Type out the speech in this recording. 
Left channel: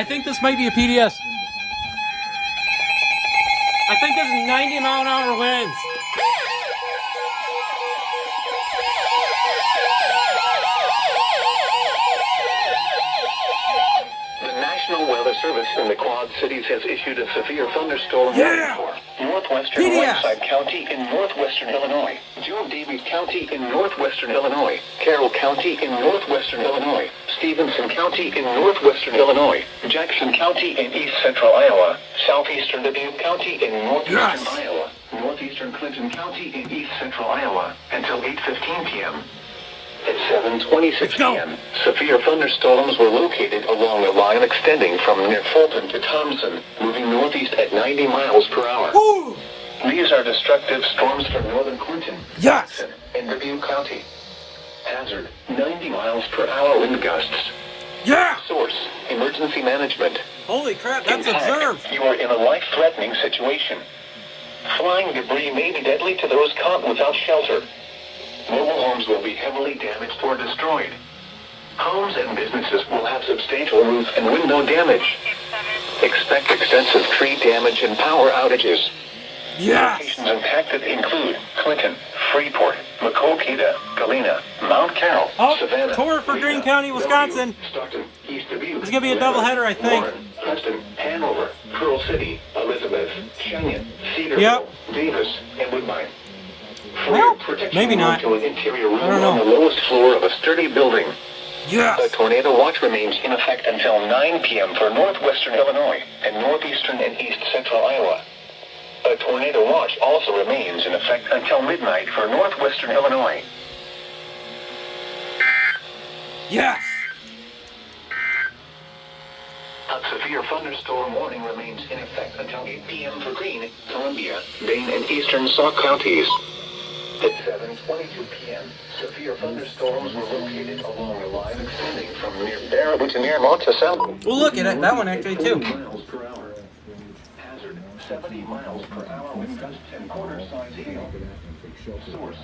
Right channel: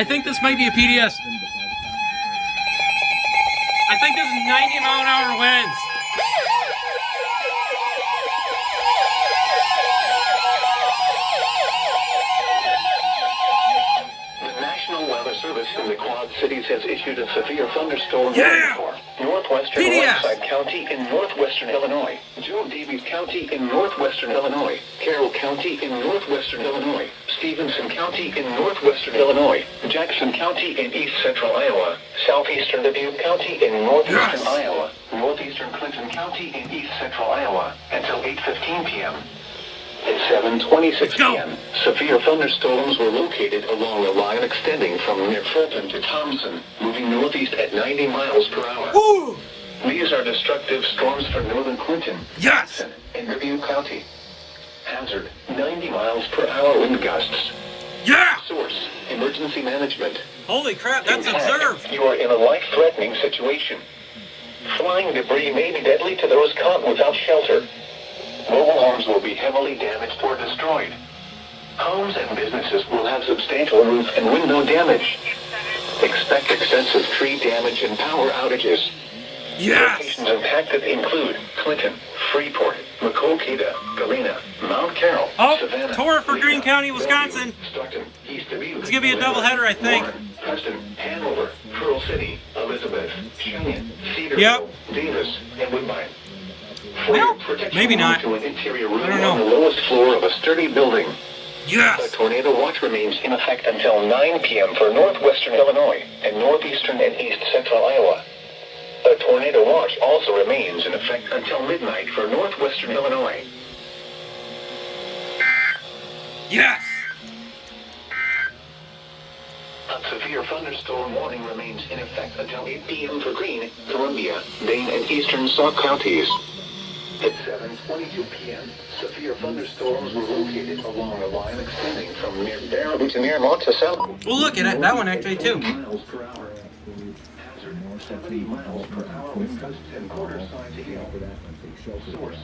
I think this might be a PDS. I think there's 90-mile-an-hour winds. The National Weather Service in the Quad Cities has issued a severe thunderstorm warning for northwestern Whiteside County in northwestern Illinois, Davies County in northwestern Illinois, Carroll County in northwestern Illinois, Stephenson County in northwestern Illinois, Jackson County in east central Iowa, southeastern Dubuque County in northeastern Iowa, northeastern Clinton County in east central Iowa until 8:15 p.m. At 7:26 p.m., severe thunderstorms were located along a line extending from near Fulton to Thompson, moving northeast at 90 miles per hour. Woo! These are destructive storms for northern Clinton, Yes, and Dubuque County. Hazard, 90 miles per hour wind gusts. yeah. Source, emergency management. Holy crap, that's In fact, observed. You are in a life-threatening situation. Flying debris may be deadly to those caught without shelter. Mobile homes will be heavily damaged or destroyed. Homes and businesses will have substantial roof and window damage. Expect extensive tree damage and power outages. Yeah. Locations impacted include Clinton, Freeport, Maquoketa, Galena, Mount Carroll, Oh, Savannah, tour for Greene County, Wisconsin. Stockton, East Dubuque. It's gonna be a doubleheader, I think. Warren, Preston, Hanover, Pearl City, Elizabeth, Cheyenne, Cedarville, Yep. Davis, and Woodbine. Well, maybe not. I don't know. On the lowest floor of a sturdy building. Yeah. The tornado watch remains in effect until 9 p.m. for northwestern Illinois and northeastern and east central Iowa. A tornado watch also remains in effect until midnight for northwestern Illinois. Yes. A severe thunderstorm warning remains in effect until 8 p.m. for Greene, Columbia, Dane, and eastern Sauk counties. At 7:22 p.m., severe thunderstorms were located along a line extending from near Baraboo to near Monticello. Well, look at it. That one actually too. Miles per hour. Hazard 70 miles per hour with gusts and quarter-sized hail. Source.